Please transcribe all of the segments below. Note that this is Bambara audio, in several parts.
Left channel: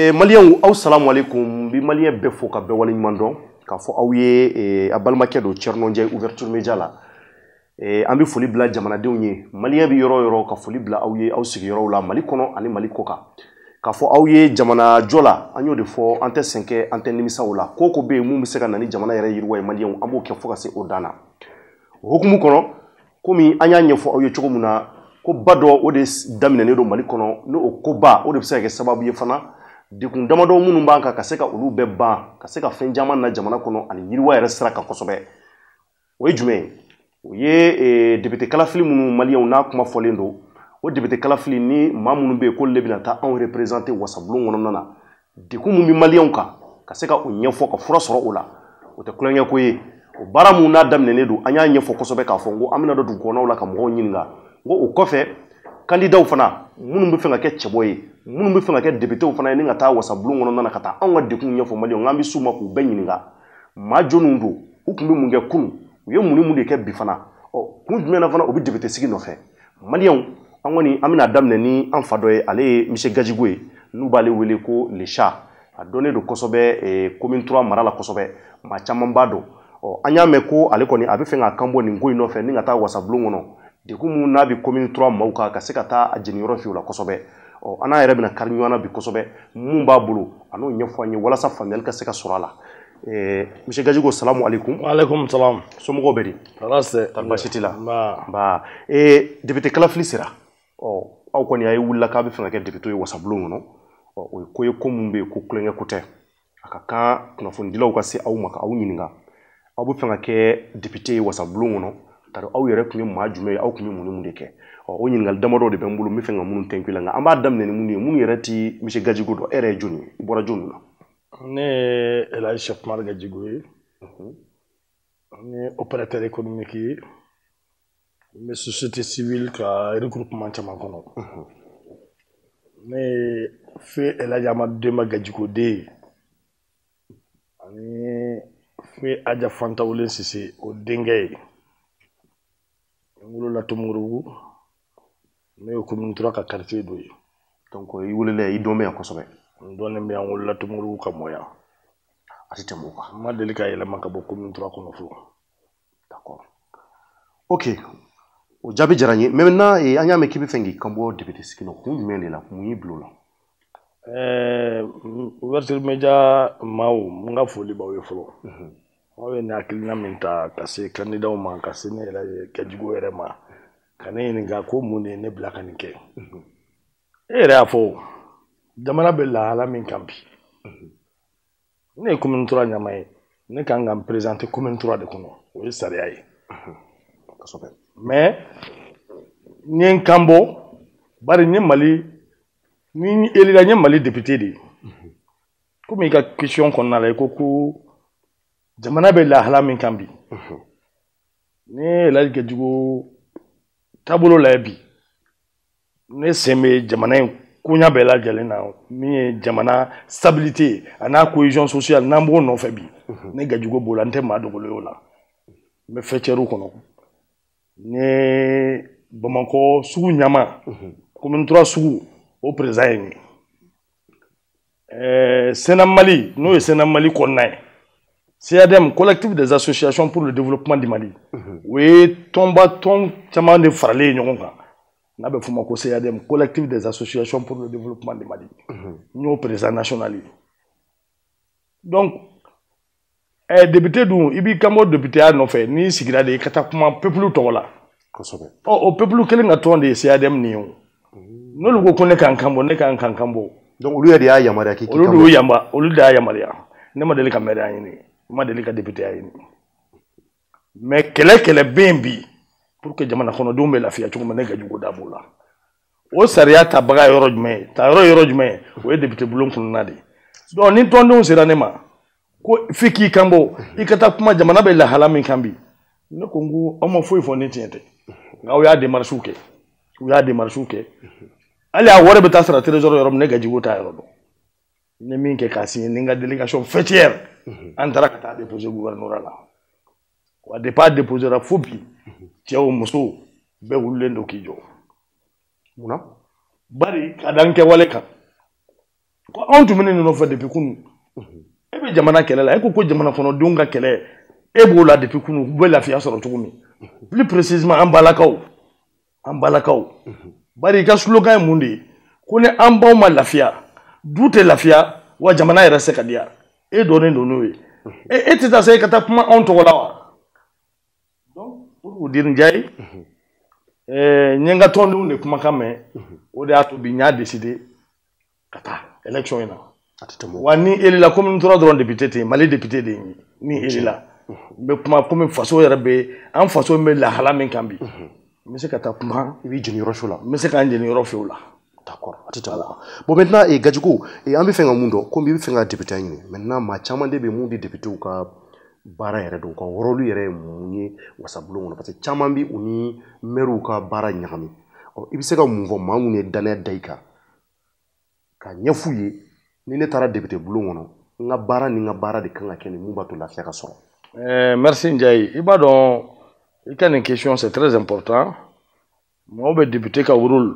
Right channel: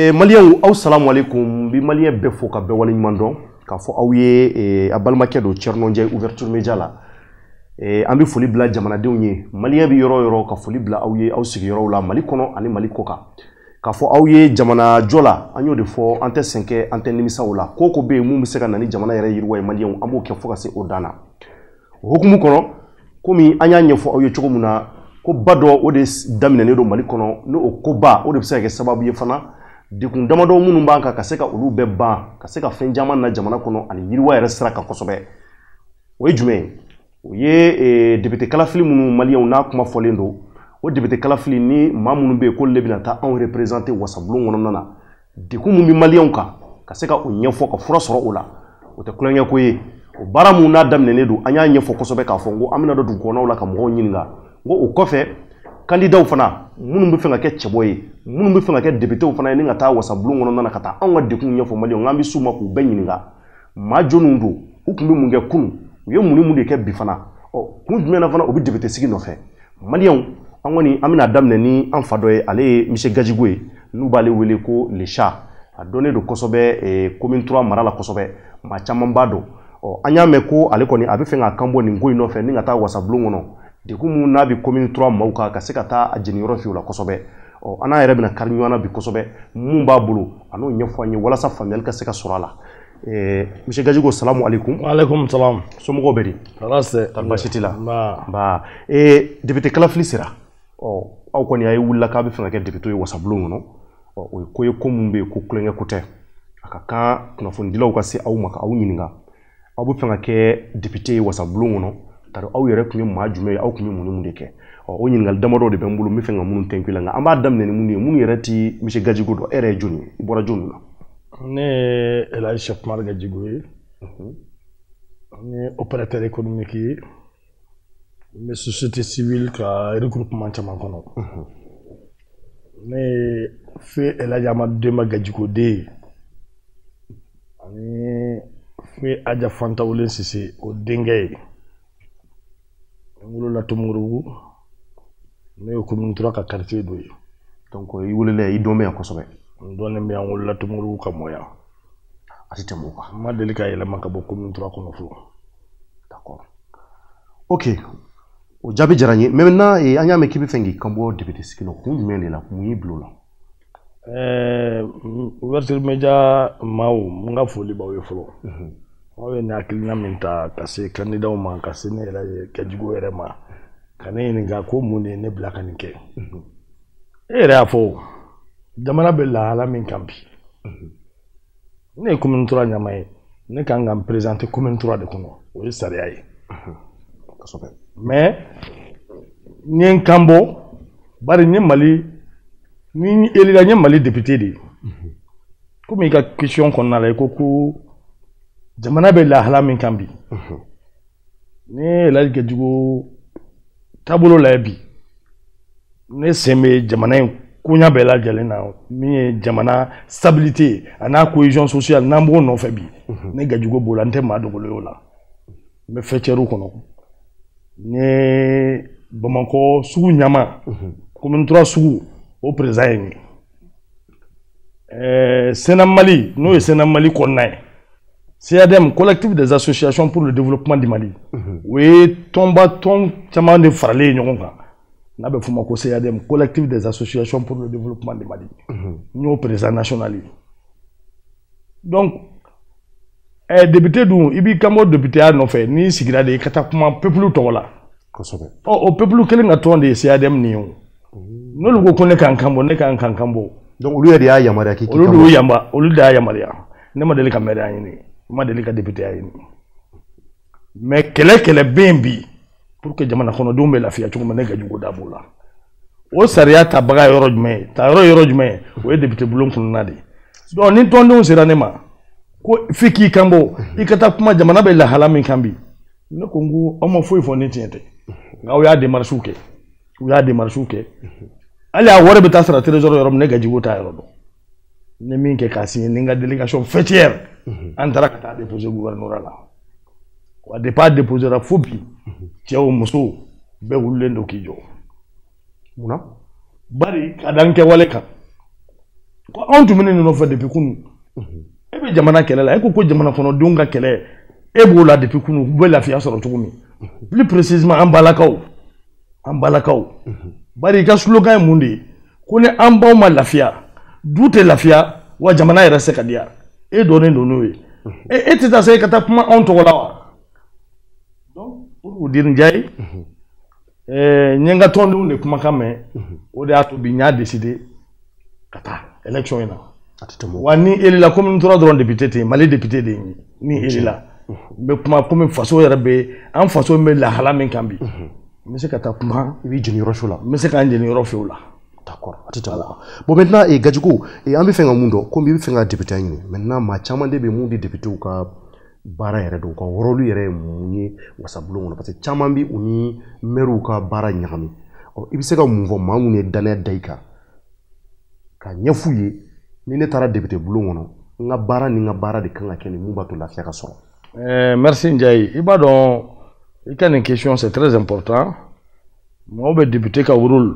Malien ou salam alaikum, bi malien befo ka be wali mandon ka fo awye abalmaké do Thierno Ndiaye ouverture média la ambi foli bla jamanadenw ye malien bi yoro ka foli bla awye aw sigi yoro la Mali kono ani Mali koka ka fo awye jamana jola anyo de fo ante 5 ante nimisa wala koko be mu se ka nani jamana yere yirwa e malien ambo ke fo ka se odana hukumu kono komi anya nyefo awye chogomuna ko bado o de daminane do Mali kono no okoba o de se ka sababu ye fana dikun damado munun banka ka se ka olu be ban ka se ka fen jaman na jamana kono ani yirwa yere sira ka kosobe o ye jume o ye député kalafili munun malien na kuma folendo o député kalafili ni ma munun be ko lebina ta en représenter wasablon wono nana dikun mun bi malien ka se ka o nyefo ka fura soro ola o te kulenye ko ye o bara mun na damnene do anya nyefo kosobe ka fongo amina do dun kono la ka mo nyinga ngo o kofe candidat fana munun be fenga ke cheboye munun be fenga ke député fana ni ngata wasablon wono nana kata anga dikun nyefo malien ngambi suma ku benyinga ma jonundo ukumbe munge kunu ye muni mu de ke bi fana o kun jumena fana obi député sigi no fe malien angoni amina damne ni anfadoye ale monsieur Gadjigoué nous balé wele ko le chat a donné de kosobe commune 3 marala kosobe ma chamambado o anya meko ale koni abi fenga kambo ni ngoi no fe ni ngata wasablon no de kumu na bi commune 3 mauka ka sekata ajeni yoro fi la kosobe o ana yere bina karnywana bi kosobe mumba bulu ano nyefo anyi wala sa famel ka seka surala monsieur Gadjigoué salam alaikum. Wa alaikum salam. Somogo beri. Rase. Talbashitila. Ba. Député kalafili sira. Aw koni ay wulla ka be fenga ke député wasablon no. O ko ye komumbe ko klenge kote. Aka ka kuna fondilaw ka se aw maka aw nyininga. Aw be fenga ke député wasablon no. Taro aw yere kunye ma jume aw kunye muni munde ke. O nyiningal damado de bembulu mi fenga munun tenkila nga. Amba damne ni muni muni yere ti monsieur Gadjigoué do ere joni. Ibora joni na. Ne Elhadji Cheikh Oumar Gadjigoué ne opérateur économique yi ne société civile ka regroupement caman kono ne fe Elhadji Amadou Demba Gadjigoué de ani fe Adja Fanta Wulen Cissé o dengay ngolo la tomuru ne commune 3 ka quartier do yi donc yi wulele yi domé en kosobe ndone mi angol la tumuru ka moya atite moka ma delika yele maka bo commune 3 kono fu d'accord ok o jabi jaranye maintenant anya me kibi fengi kambo député sikino ku mele la ku yi blola ouverture média mawo nga foli ba we folo wawe na kilina minta kase candidat o man kase ne la Gadjigoué rema kané ni ga ko mun ne blaka ni ke ere afo jamana be la hala min kampi ne commune 3 nyamay ne kan ngam présenter commune 3 de kono o yi sariya yi mais nyen kambo bari ni Mali ni elila ni Mali député di comme il y a question qu'on a la ko jamana be la hala min kambi ne la Gadjigoué tabulo la bi ne seme jamana kunya bela jalena mi jamana stabilité ana cohésion sociale nambo non febi ne Gadjigoué bolante ma dogolo la me fetcheru kono ne Bamako sugu nyama commune 3 sugu au présent Sénat Mali no Sénat Mali konnay CADM collectif des associations pour le développement du Mali oui tomba ton chama de farale nyonga na be fuma ko CADM collectif des associations pour le développement du Mali nous président national donc député dou ibi kamo député a no fait ni sigira de kata kuma peuple to wala o peuple kelen na to de CADM ni o no lugo ko ne kan kambo ne kan kambo donc olu ya yamara ki olu yamba olu da yamara ne ma deli ka mere ayini ma deli ka député ayini mais kele bembi pour que jamana kono do me lafiya chuma ne Gadjigoué da bola o sariya ta baga yoro jume ta yoro jume o député bulon kun nadi donc ni tondo sera ne ma ko fiki kambo ikata kuma jamana be la hala min kambi ne ko ngu o mo foi fo ni tiente ngaw ya démarche ke ali a wore be ta sara trésor yoro ne Gadjigoué ta yoro do ne min ke kasi ni nga délégation fêtière antara kata déposer gouverneur la wa départ déposer ra fobi Tiaw muso be wulendo kijo muna bari kadanke wale kan On tun bɛ ninnu fɛ depuis kunu e bɛ jamana kɛlɛ la e ko jamana kɔnɔdenw ka kɛlɛ e b'o la depuis kunu u bɛ lafiya sɔrɔ cogo min plus précisément an balakaw bari i ka slogan ye mun de ye ko ni an baw ma lafiya du tɛ lafiya wa jamana yɛrɛ se ka diya e dɔnnen don n'o ye e tɛ taa se ka taa kuma anw tɔgɔ la wa donc pour vous dire Ndiaye n ye n ka tɔndenw de kumakan mɛn o de y'a to bi n y'a décidé ka taa élection in na wa ni élila comme n tora dɔrɔn député ten Mali député de ye ni élila n bɛ kuma komi faso yɛrɛ bɛ an faso bɛ lahala min kan bi n bɛ se ka taa kuma i b'i jeni yɔrɔ fɛ o la n bɛ se k'an jeni yɔrɔ fɛ o la d'accord a tɛ tɛmɛ bon maintenant Gadjigo an bɛ fɛ ka mun dɔn komi i bɛ fɛ ka député ɲini maintenant maa caman de bɛ mun di députéw ka baara yɛrɛ don u ka rôle yɛrɛ ye mun ye wasabulon kɔnɔ parce que caman bɛ u ni maires ka baara ɲagami i bɛ se ka mun fɔ maa minnu ye danaya da i kan ka ɲɛf'u ye ni ne taara député bulon kɔnɔ n ka baara ni n ka baara de kan ka kɛ nin mun b'a to lafiya ka sɔrɔ. Merci Ndiaye i b'a dɔn i ka nin question c'est très important mɔgɔw bɛ député ka rôle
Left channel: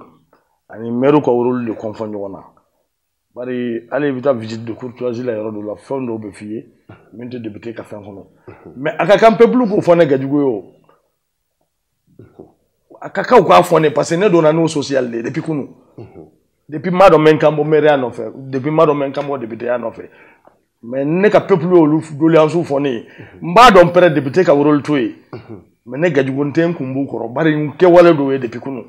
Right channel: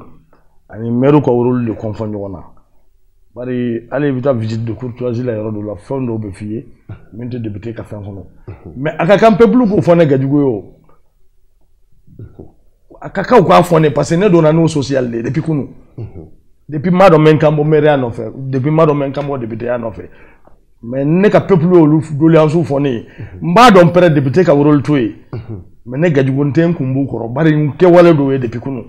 ani maire ka rôle de confond ɲɔgɔn na bari hali i bɛ taa visite de courtoisie la yɔrɔ dɔ la fɛn dɔw bɛ f'i ye min tɛ député ka fɛn kɔnɔ mais a ka kan peuple k'o fɔ ne Gadjigo ye o a ka kan u k'a fɔ ne parce que ne donna n'o social de depuis kunu depuis n b'a dɔn n bɛ n kan bɔ maireya nɔfɛ depuis n b'a dɔn n bɛ n kan bɔ députéya nɔfɛ mais ne ka peuple y'olu doléances fɔ ne ye n b'a dɔn pɛrɛ député ka rôle to yen mais ne Gadjigo n tɛ n kun b'u kɔrɔ bari n kɛwale dɔw ye depuis kunu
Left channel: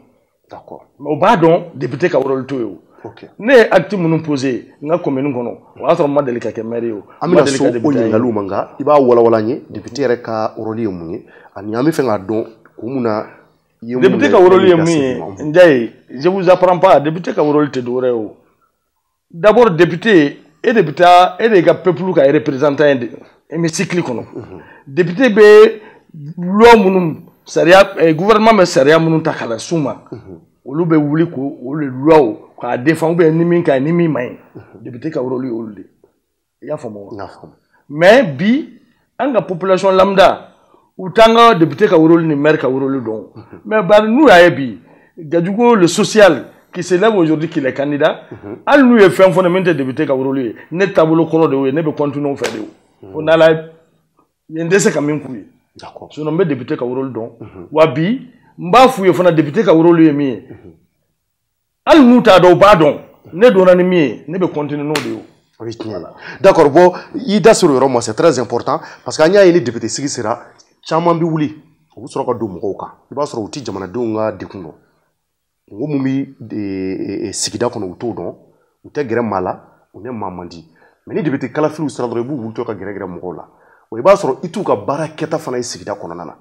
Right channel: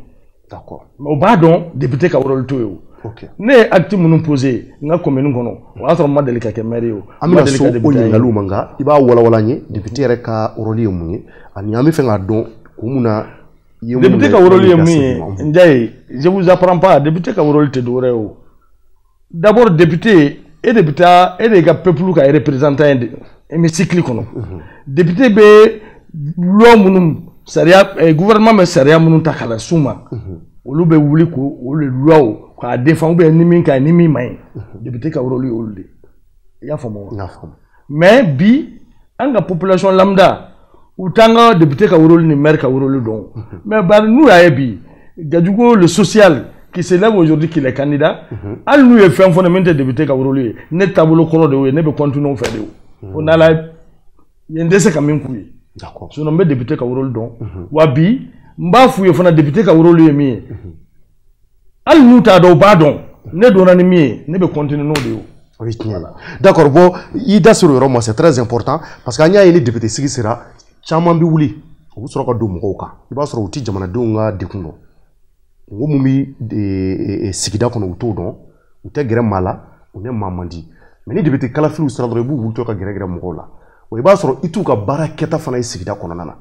d'accord mais u b'a dɔn député ka rôle to yen o ne ye acte minnu posé n ka commune kɔnɔ o y'a sɔrɔ n ma deli ka kɛ maire ye o an bɛna so o ɲininkaliw ma nka i b'a walawala n ye député yɛrɛ ka rôle ye mun ye ani an bɛ fɛ k'a dɔn kun mun na député ka rôle ye mun ye Ndiaye je vous apprends pas député ka rôle tɛ dɔwɛrɛ ye o d'abord député e de bɛ taa e de ka peuple ka représentant ye hémicycle kɔnɔ député bɛ loi minnu sariya gouvernement bɛ sariya minnu ta k'a las'u ma olu bɛ wuli ko olu loi k'a défend ou bien ni min ka ɲi ni min ma ɲi député ka rôle ye olu de i y'a faamu wa mais bi an ka population lambda u t'an ka député ka rôle ni maire ka rôle dɔn mais bari n'u y'a ye bi Gadjigo le social qui s'élève aujourd'hui qu'il est candidat hali n'u ye fɛn fɔ ne min tɛ député ka rôle ye ne taabolo kɔrɔ de y'o ye ne bɛ continuer o fɛ de o fo n'Ala ye n tɛ se ka min k'u ye sinon n bɛ député ka rôle dɔn wa bi n b'a f'u ye fana député ka rôle ye min ye hali n'u t'a dɔn u b'a dɔn ne donna ni min ye ne bɛ continuer n'o de ye o ye tiɲɛ ye d'accord bon i da sera o yɔrɔ ma c'est très important parce que an y'a ye ni député sigi sera caman bɛ wuli u bɛ sɔrɔ ka don mɔgɔw kan i b'a sɔrɔ u tɛ jamanadenw ka degun dɔn ngo mun bɛ sigida kɔnɔ u t'o dɔn u tɛ gɛrɛ maa la u ne maa man di mais ni député kalafiliw sera dɔrɔn i b'u wulitɔ ka gɛrɛ mɔgɔw la wa i b'a sɔrɔ i t'u ka baara kɛta fana ye sigida kɔnɔna na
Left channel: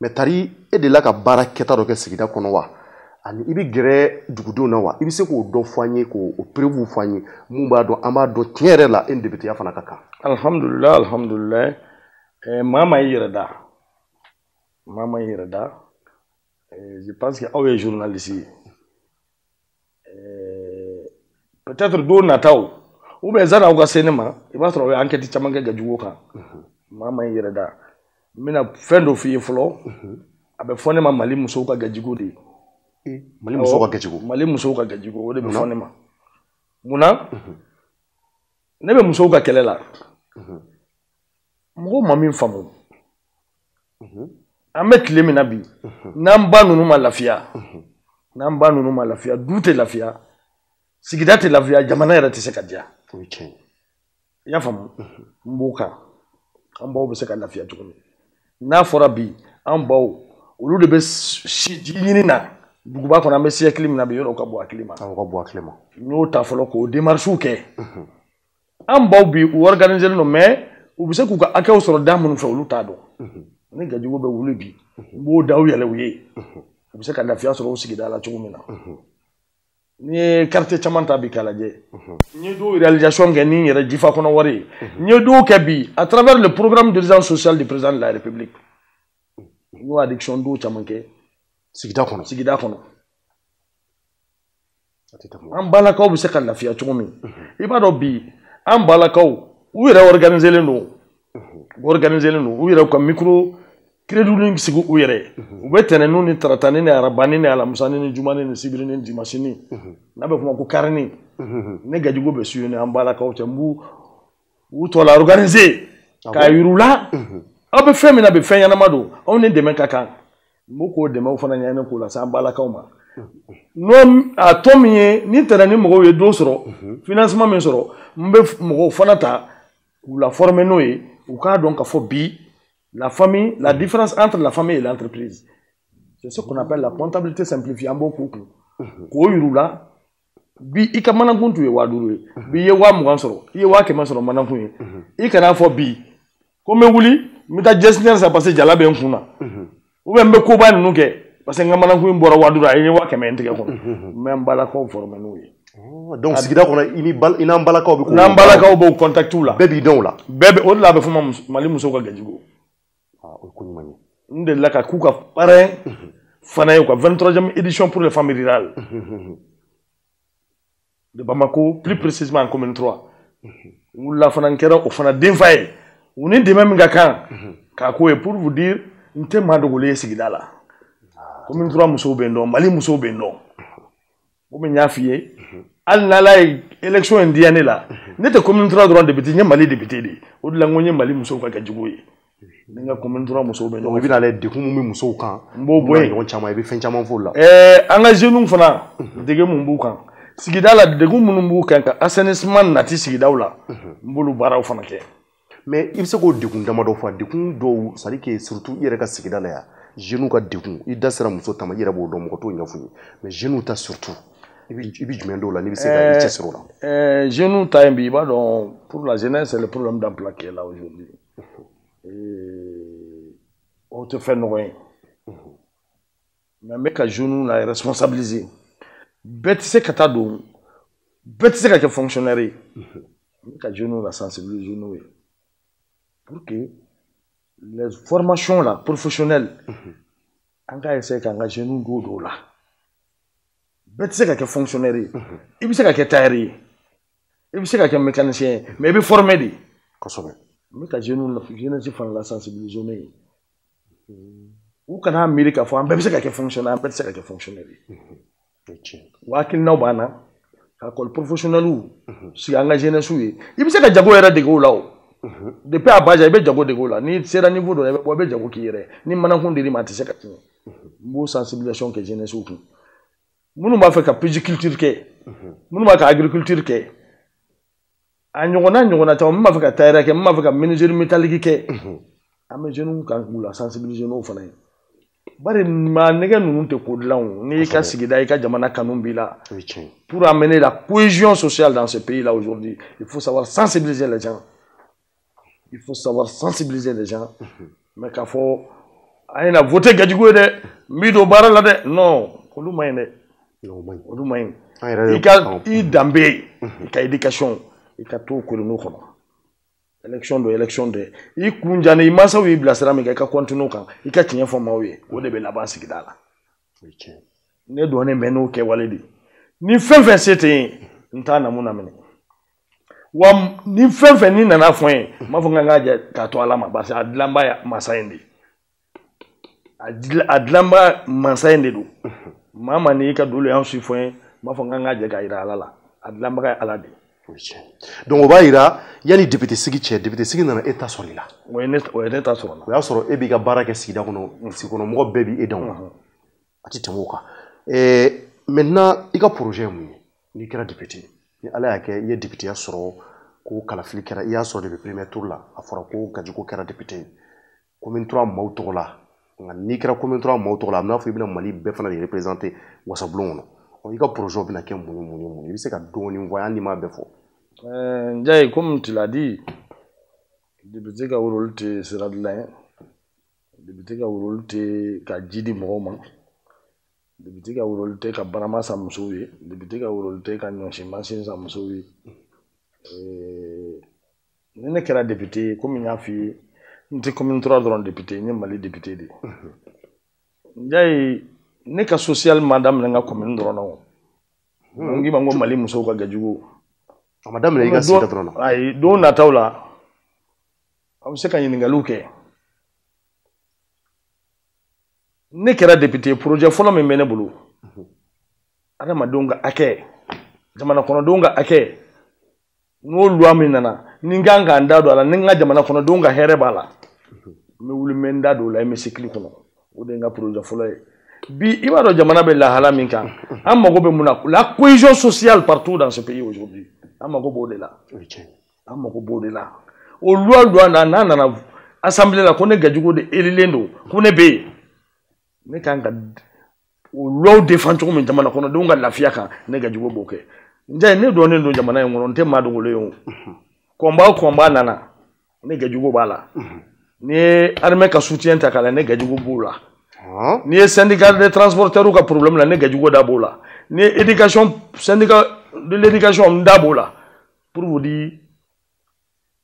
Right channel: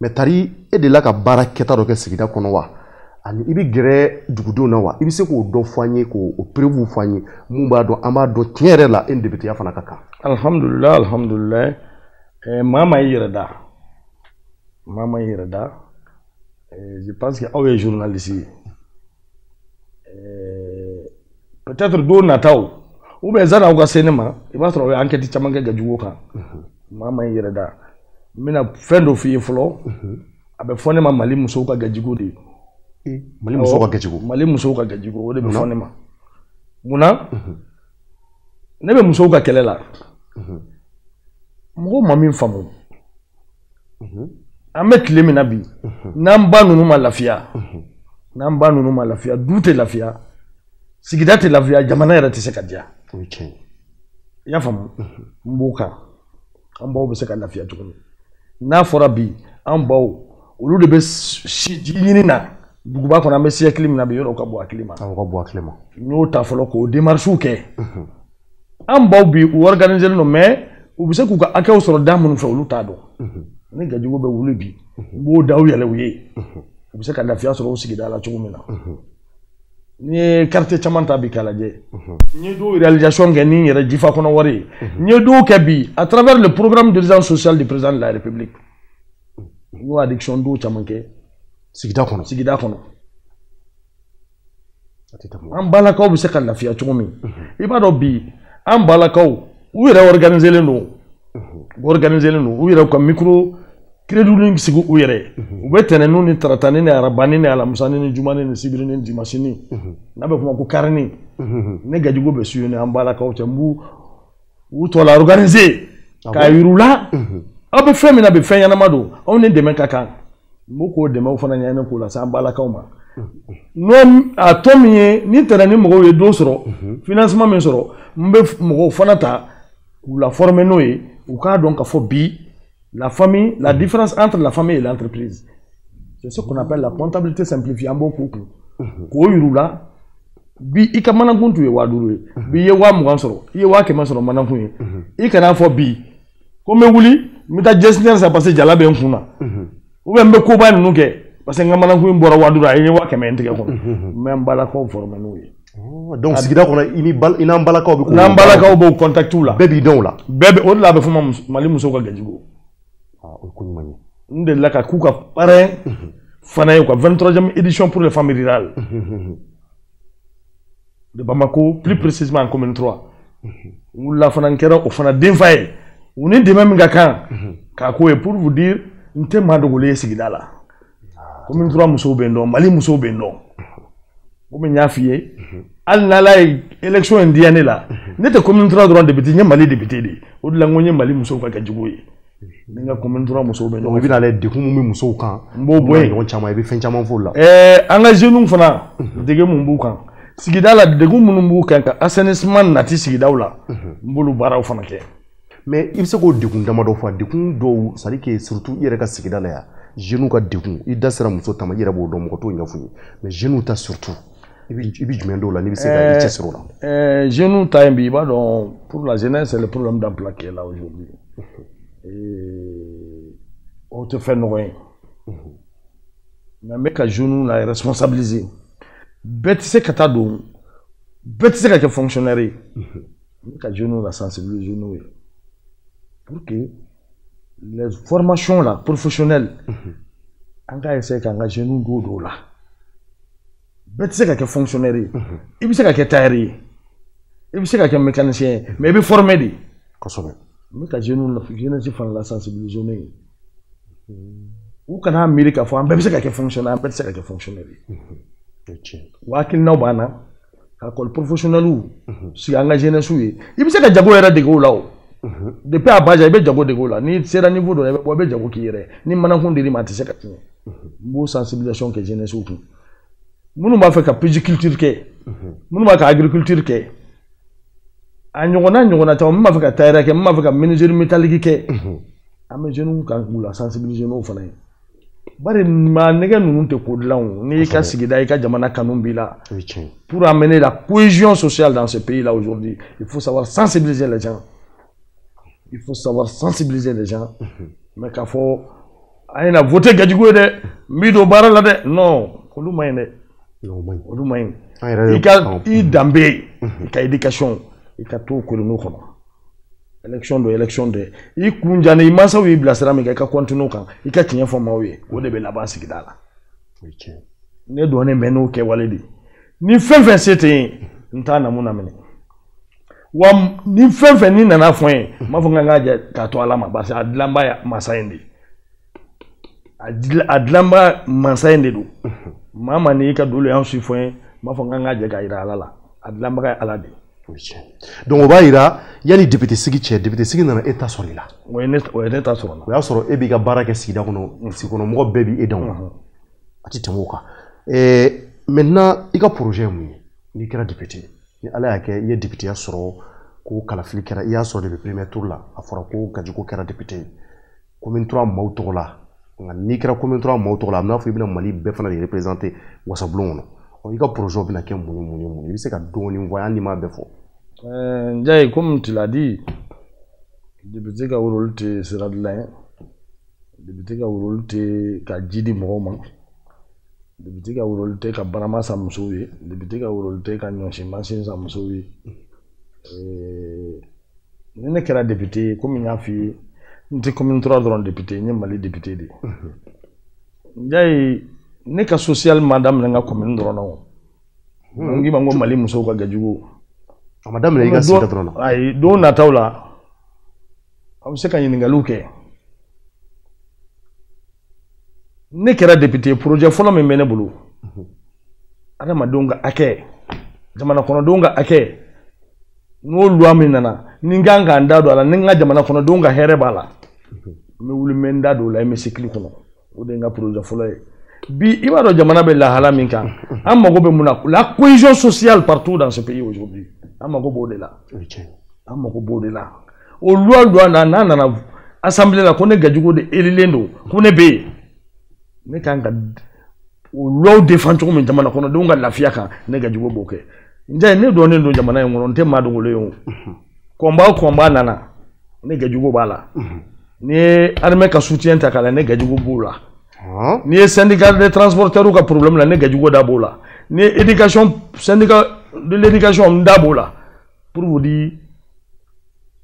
mais tari e delila ka baara kɛta dɔ kɛ sigida kɔnɔ wa ani i bɛ gɛrɛ dugudenw na wa i bɛ se k'o dɔ fɔ an ye k'o preuve fɔ an ye mun b'a dɔn an b'a dɔn tiɲɛ yɛrɛ la e ni députéya fana ka kan. alhamdulilayi alhamdulilayi maa ma i yɛrɛ da maa ma i yɛrɛ da je pense que aw ye journaliste ye peut-être don nataw ou bien zan aw ka se ne ma i b'a sɔrɔ aw ye enquête caman kɛ Gadjigo kan maa ma i yɛrɛ da n bɛna fɛn dɔ f'i ye fɔlɔ a bɛ fɔ ne ma Mali musow ka Gadjigo de ye. Mali musow ka Gadjigo. Mali musow ka Gadjigo o de bɛ fɔ ne ma munna ne bɛ musow ka kɛlɛ la mɔgɔw ma min faamu an bɛ tile min na bi n'an ba ninnu ma lafiya n'an ba ninnu ma lafiya du tɛ lafiya sigida tɛ lafiya jamana yɛrɛ tɛ se ka diya i y'a faamu n b'o kan an baw bɛ se ka lafiya cogo min n'a fɔra bi an baw olu de bɛ ji ɲini na duguba kɔnɔ an bɛ siècle min na bi yɔrɔ ka bɔ hakili ma n y'o ta fɔlɔ k'o démarches kɛ an baw bi u organisé don mais u bɛ se k'u ka hakɛw sɔrɔ da minnu fɛ olu t'a dɔn ni Gadjigo bɛ wuli bi n b'o daw yɛlɛ u ye u bɛ se ka lafiya sɔrɔ o sigida la cogo min na n'i ye quartier caman ta bi k'a lajɛ n ye dɔw réalisation kɛ ni n yɛrɛ jifa kɔnɔ wari ye n ye dɔw kɛ bi à travers le programme d'urgence sociale du président de la République n y'o addiction dɔw caman kɛ sigida kɔnɔ an balakaw bɛ se ka lafiya cogo min i b'a dɔn bi an balakaw u yɛrɛ organisé don u yɛrɛ ka micro crédit sigi u yɛrɛ u bɛ tɛnɛnnu ni taratani ni arabani ni alamusani ni jumani ni sibiri ni dimanche n'a bɛ f'o ma ko carnet ne gajugu be suye ne an balakaw cɛ u tɔ la organiser ka yirula aw bɛ fɛn min na bɛ fɛn ɲɛnama don aw ni dɛmɛ ka kan n b'o k'o dɛmɛw fana ɲɛɲini k'o lase an balakaw ma n'o a tɔ min ye ni tɛnɛ ni mɔgɔw ye don sɔrɔ financement min sɔrɔ n bɛ mɔgɔw fana ta k'u la former n'o ye u k'a dɔn ka fɔ bi la famille la différence entre la famille et l'entreprise c'est ce qu'on appelle la comptabilité simplifiée an b'o k'u kun k'o yirula bi i ka manakun tun ye 5000 ye bi i ye 20,000 sɔrɔ i ye 100,000 sɔrɔ manakun ye i kana fɔ bi ko n bɛ wuli n bɛ taa gestionnaire sa parce que jala bɛ n kun na ou bien n bɛ koba ninnu kɛ parce que n ka manakun bɔra 5000 a ye 100,000 n tɛgɛ kɔnɔ n bɛ n balakaw former n'o ye donc sigida kɔnɔ i n'an balakaw bɛ n'an balakaw b'o contactiw la bɛɛ b'i dɔn o la bɛɛ bɛ o de la a bɛ fɔ ma Mali musow ka gajigo o ye ko ɲuman ye n delila ka k'u ka parrain fana ye u ka 23e édition pour les familles rurales de Bamako, plus précisément en commune 3. Où la fana kɛra o fana denfa ye u ni dɛmɛ min ka kan k'a ko ye pour vous dire n tɛ maa dogolen ye sigida la commune 3 musow bɛ n dɔn Mali musow bɛ n dɔn komi n y'a f'i ye hali n'Ala ye élection in diya ne la ne tɛ commune 3 dɔrɔn député n ye Mali député de o de la n ko n ye Mali musow ka kɛcogo ye ni n ka commune 3 musow bɛ n dɔn. i bɛna lajɛ degun min bɛ musow kan n b'o bɔ yen ɲɔgɔn caman i bɛ fɛn caman fɔ o la. an ka jeunes fana dege mun b'u kan. Sigida la degun minnu b'u kan ka assainissement nati sigidaw la n b'olu baaraw fana kɛ mais i bɛ se k'o degun damadɔ fɔ degun dɔw c'est à dire que surtout i yɛrɛ ka sigida la yan jeunes ka degun i da sera muso ta ma i yɛrɛ b'o dɔn mɔgɔ t'o ɲɛfɔ i ye mais jeunes ta surtout i bɛ jumɛn dɔw la n'i bɛ se ka i cɛsiri o la. Jeunes ta in bi i b'a dɔn pour la jeunesse c'est le problème d'emploi qui est là aujourd'hui o tɛ fɛn nɔgɔ ye mais n bɛ ka jeunes la responsabiliser. Bɛɛ tɛ se ka taa don bɛɛ tɛ se ka kɛ fonctionnaire ye n bɛ ka jeunes la sensibiliser n'o ye pour que les formations là professionnelles an ka essayer k'an ka jeunes don o la bɛɛ tɛ se ka kɛ fonctionnaire ye i bɛ se ka kɛ tailleur ye i bɛ se ka kɛ mécanicien ye mais i bɛ former de kosɛbɛ n bɛ ka jeunesse fana la sensibiliser n'o ye u kana miiri k'a fɔ an bɛɛ bɛ se ka kɛ fonctionnaire an bɛɛ tɛ se ka kɛ fonctionnaire ye. Wakilinaw b'an na ka école professionnelle sigi an ka jeunesse ye i bɛ se ka jago yɛrɛ dege o la o depuis a bas âge i bɛ jago dege o la ni sera niveau dɔ la i bɛ jago k'i yɛrɛ ni manakun dir'i ma a tɛ se ka tiɲɛ n b'o sensibilisation kɛ jeunesse kun minnu b'a fɛ ka pisciculture kɛ minnu b'a ka agriculture kɛ a ɲɔgɔnna caman min b'a fɛ ka tailleur kɛ min b'a fɛ ka menuiserie métallique kɛ an bɛ jeunes kan k'u la sensibiliser n'o fana ye. Bari maa nɛgɛ ninnu tɛ ko dilan n'i ka sigida i ka jamana kanu b'i la pour amener la cohésion sociale dans ce pays là aujourd'hui il faut savoir sensibiliser les gens mais k'a fɔ a ye na voter gajigo ye dɛ n b'i don baara la dɛ non olu ma ɲi dɛ olu ma ɲi i ka i danbe i ka éducation i ka t'o kolonneau kɔnɔ. Élection de i kun janne i mansaw y'i bilasira min kɛ i ka continuer kan i ka tiɲɛ fɔ maaw ye o de bɛ laban sigida la ne dɔnnen bɛ n'o kɛwale de ni fɛn fɛn se tɛ yen n t'a namu minɛ wa ni fɛn fɛn ni nana fɔ n ye n b'a fɔ n k'a jɛ k'a to Ala ma parce que a dilanba ye masa in de a dilanba masa in de don maa ma n'i ka dolo y'an si fɔ n ye n b'a fɔ n k'a jɛ k'a jira Ala la a dilanbaga ye Ala de. Donc o b'a yira yanni député sigi cɛ député sigi nana e ta sɔrɔ i la. O ye ne ta sɔrɔ la. O y'a sɔrɔ e b'i ka baara kɛ sigida kɔnɔ sigi kɔnɔ mɔgɔ bɛɛ b'i dɔn a tɛ tɛmɛ o kan. Maintenant i ka projet ye mun ye n'i kɛra député ni Ala y'a kɛ i ye députéya sɔrɔ ko kalafili kɛra i y'a sɔrɔ depuis premier tour la a fɔra ko Gadjigo kɛra député ye commune 3 maaw tɔgɔ la nka n'i kɛra commune 3 maaw tɔgɔ la a bɛna fɔ i bɛna Mali bɛɛ fana de représenter wasabulon kɔnɔ i ka projet bɛna kɛ mun i bɛ se ka dɔɔni fɔ hali n'i m'a bɛɛ fɔ. Ndiaye, comme tu l'as dit, député ka rôle te sera de là, député ka rôle te ka jidi mɔgɔw ma, député ka rôle te ka barama sa musow ye, député ka rôle te ka ɲɔsi mansin sa musow ye. Ni ne kɛra député comme n y'a f'i ye, n tɛ commune 3 dɔrɔn député, n ye Mali député de. Ndiaye, ne ka social ma daminɛ n ka commune dɔrɔn na o. N k'i ma n ko Mali musow ka Gadjigo. A ma daminɛ i ka sigida dɔrɔn na. Ayi don nataw la a bɛ se ka ɲininkaliw kɛ ne kɛra député projet fɔlɔ min bɛ ne bolo adamadenw ka hakɛ jamana kɔnɔdenw ka hakɛ n'o loi min nana ni n kan ka n da don a la ni n ka jamana kɔnɔdenw ka hɛrɛ b'a la n bɛ wuli n bɛ n da don o la hémicycle kɔnɔ o de ye n ka projet fɔlɔ ye bi i b'a dɔn jamana bɛ lahala min kan an mago bɛ mun na la cohésion sociale partout dans ce pays aujourd'hui an mago b'o de la an mago b'o de la o loi n'a nana assemblée la ko ne Gajugo de élilen don ko ne bɛ yen ne kan ka o loi défend cogo min jamana kɔnɔdenw ka lafiya kan ne Gajugo b'o kɛ n ne dɔnnen don jamana in kɔnɔ n tɛ maa dogolen o combat nana ne Gajugo b'a la ni ye armée ka soutien ta k'a la ne Gajugo b'o la ni ye syndicat des transporteurs ka problème la ne Gajugo da b'o la ni ye éducation syndicat de l'éducation n da b'o la pour vous dire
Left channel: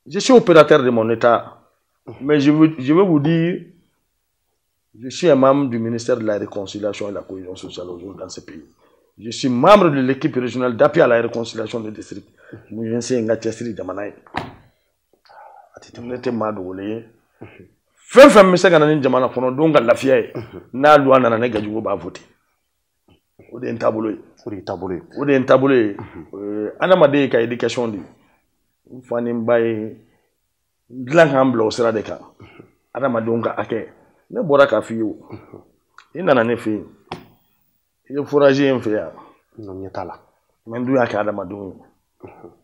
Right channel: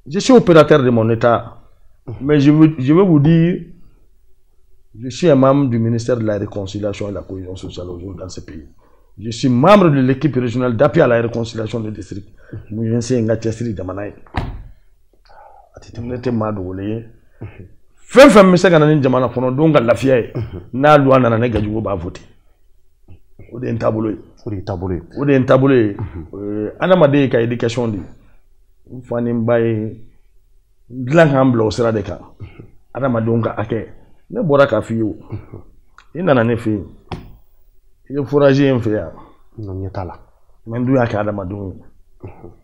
je suis opérateur de mon état mais je veux vous dire je suis un membre du ministère de la réconciliation et de la cohésion sociale aujourd'hui dans ce pays. Je suis membre de l'équipe régionale d'appui à la réconciliation des districts. Je suis un gars qui est Jamanaï. Je suis Madoulé. Femme, mais c'est quand Jamana Kono, donc la fille, n'a loi n'a pas Gajugo ba voter. Ou des taboulés. Ou des taboulés. Anamade ka éducation dit. Fani mbaye. Glan hamblo au sera de cas. Anamadonga ake. Ne bora ka fiyo i nana ne fe i forager en fe ya no nyatala men du ya ka adamadenw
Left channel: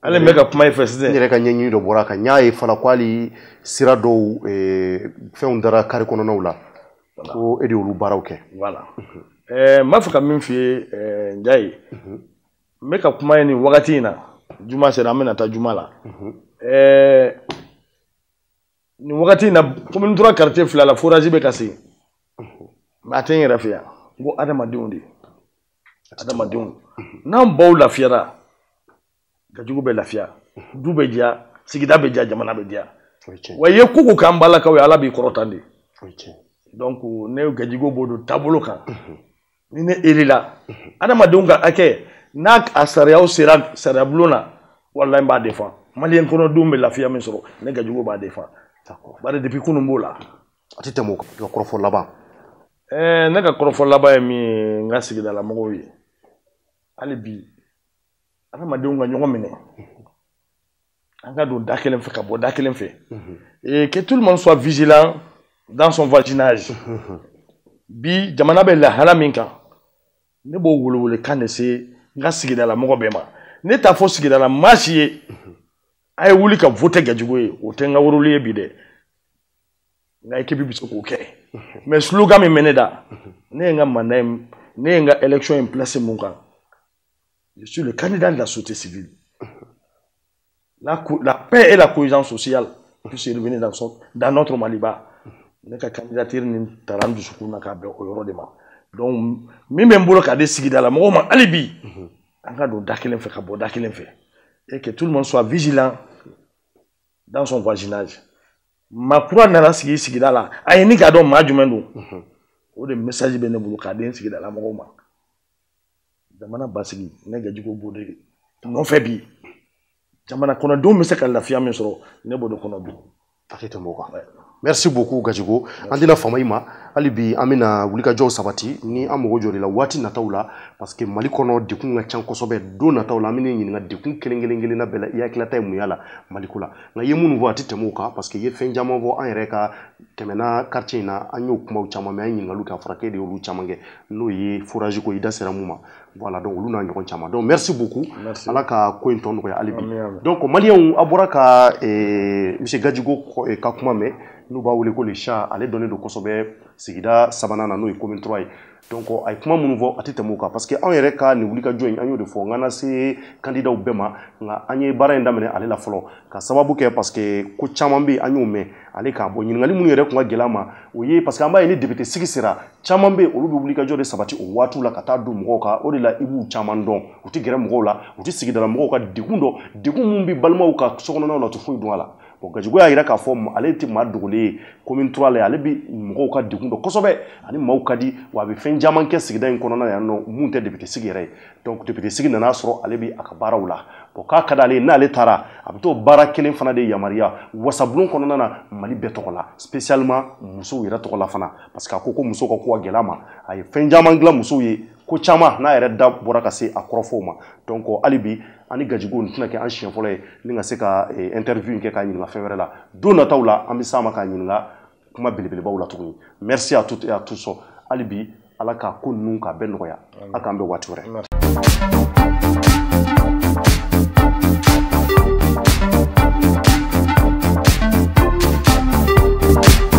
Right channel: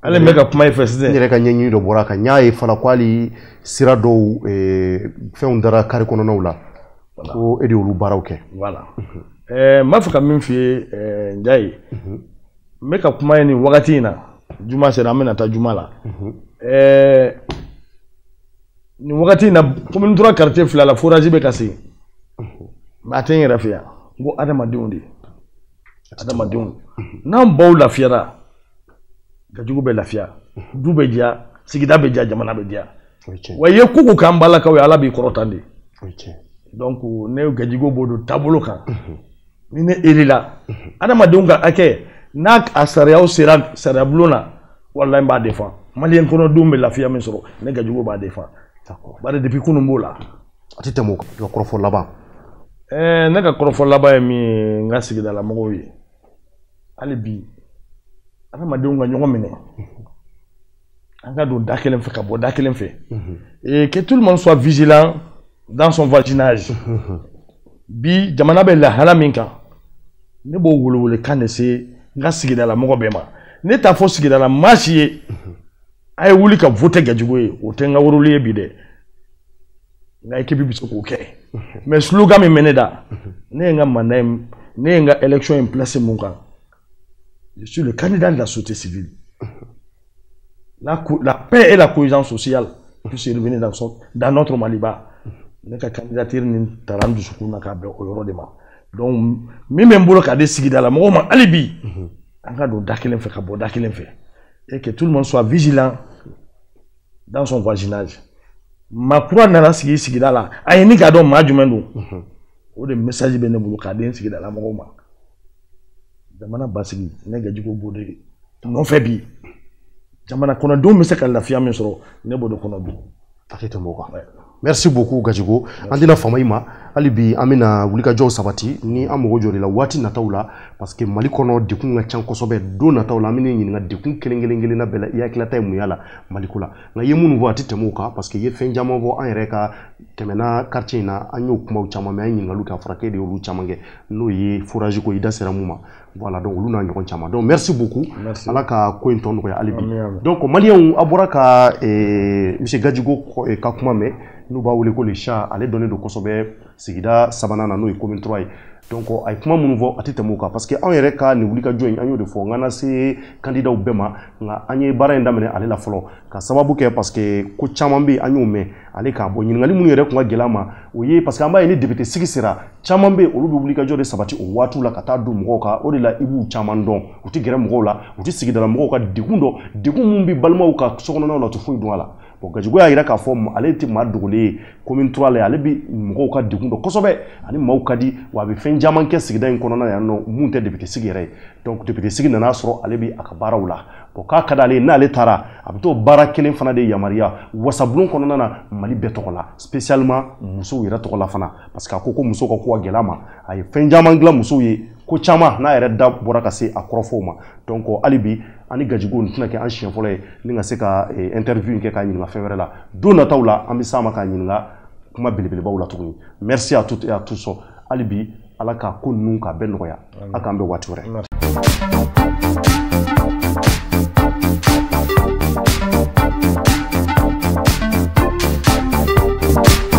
ale me ka kuma ifɛ sisan yɛrɛ ka ɲɛɲini dɔ bɔra kan ɲa ye fala kwali sira dɔw fɛnw dara kari kɔnɔnaw la ko e de olu baaraw kɛ voilà m'a fɛ ka min f'i ye Njaye n bɛ ka kuma ye nin wagati in na juma sera an bɛna taa juma la ni wagati na commune 3 quartier fila la forage be kasi ma ten yɛrɛ fɛ yan n ko adamadenw de adamadenw n'an baw lafiyara Gajugu bɛ lafiya du bɛ diya sigida bɛ diya jamana bɛ diya wa i ye ko ko k'an balakaw ye ala b'i kɔrɔtan de donc ne Gajugu b'o don taabolo kan ni ne élila adamadenw ka hakɛ n'a a sariyaw sera sariyabulon na walahi n b'a défend maliyɛn kɔnɔdenw bɛ lafiya min sɔrɔ ne Gajugu b'a défend bari depuis kunun b'o la a tɛ tɛmɛ o kan ka kɔrɔfɔ laban ne ka kɔrɔfɔ laban ye min ye n ka sigidala mɔgɔw ye hali bi adamadenw ka ɲɔgɔn minɛ an ka don da kelen fɛ ka bɔ da kelen fɛ et que tout le monde soit vigilant dans son voisinage bi jamana bɛ lahala min kan ne b'o welewele kan de se n ka sigidala mɔgɔ bɛɛ ma ne t'a fɔ sigidala maa si ye a ye wuli ka voter Gajugo ye o tɛ n ka woroli ye bi dɛ n ka équipe bɛ se k'o kɛ mais slogan min bɛ ne da ne ye n ka mandat ye ne ye n ka élection in place mun kan je suis le candidat de la société civile la paix et la cohésion sociale puisse revenir dans notre Maliba ne ka candidature ni taara n dusukun na k'a bɛn o yɔrɔ de ma donc min bɛ n bolo k'a di sigidala mɔgɔw ma hali bi an ka don da kelen fɛ ka bɔ da kelen fɛ et que tout le monde soit vigilant dans son voisinage. Ma kura nana sigi sigida la a ye ni k'a dɔn maa jumɛn don o de message bɛ ne bolo k'a di sigida la mɔgɔw ma jamana basigi ne Gajugo b'o de nɔfɛ bi jamana kɔnɔdenw bɛ se ka lafiya min sɔrɔ ne b'o de kɔnɔ bi a tɛ tɛmɛ o kan merci beaucoup Gajugo an tɛna fama i ma hali bi an bɛna wulikajɔw sabati ni an mago jɔ la waati nataw la parce que Mali kɔnɔ dekun ka ca kosɛbɛ don nataw la an bɛna ɲininka dekun kelen na bɛɛ la i hakilata ye mun y'a la Mali ko la nka i ye minnu fɔ a tɛ tɛmɛ o kan parce que i ye fɛn caman fɔ an yɛrɛ ka tɛmɛna quartier in na an y'o kumaw caman mɛn an ye ɲininkaliw kɛ a fɔra k'e de y'olu caman kɛ n'o ye forage ko i da sera mun ma voilà donc olu n'a ɲɔgɔn caman donc merci beaucoup ala ka ko in tɔ nɔgɔya hali bi donc maliyɛnw a bɔra ka monsieur Gajugo ka kuma mɛn n'u b'a wele ko le chat ale dɔnnen don kosɛbɛ sigida sabanan na n'o ye commune 3 ye donc a ye kuma minnu fɔ a tɛ tɛmɛ o kan parce que anw yɛrɛ ka nin wulikajɔ in an y'o de fɔ n ka na se candidaw bɛɛ ma nka an ye baara in daminɛ ale la fɔlɔ ka sababu kɛ parce que ko caman bɛ yen an y'o mɛn ale kan bɔ ɲininkali minnu yɛrɛ tun ka gɛlɛn a ma o ye parce que an b'a ye ni député sigi sera caman bɛ yen olu bɛ wulikajɔ de sabati o waatiw la ka taa don mɔgɔw kan o de la i b'u caman dɔn u tɛ gɛrɛ mɔgɔw la u tɛ sigidala mɔgɔw ka degun dɔn degun min bɛ balimaw ka sokɔnɔnaw la u tɛ foyi dɔn a la bon Gajugo y'a jira k'a fɔ ale tɛ maa dogolen ye commune 3 la ale bɛ mɔgɔw ka degun dɔn kosɛbɛ ani maaw ka di wa a bɛ fɛn caman kɛ sigida in kɔnɔna yan nɔ mun tɛ député sigi yɛrɛ ye donc député sigi nana sɔrɔ ale bɛ a ka baaraw la bon k'a ka d'ale ye n'ale taara a bɛ t'o baara kelen fana de yamaruya wasabulon kɔnɔna na Mali bɛɛ tɔgɔ la spécialement musow yɛrɛ tɔgɔ la fana parce que a ko musow ka ko ka gɛlɛ a ma a ye fɛn caman dilan musow ye ko caman n'a yɛrɛ da bɔra ka se a kɔrɔfɔw ma donc hali bi ani gajigo nin tɛna kɛ an siɲɛ fɔlɔ ye ni ka se ka interview in kɛ k'a ɲininka fɛn wɛrɛ la don nataw la an bɛ s'a ma k'a ɲininka kuma belebelebaw la tuguni merci à toutes et à tous hali bi ala ka ko ninnu k'a bɛɛ nɔgɔya a k'an bɛ waati wɛrɛ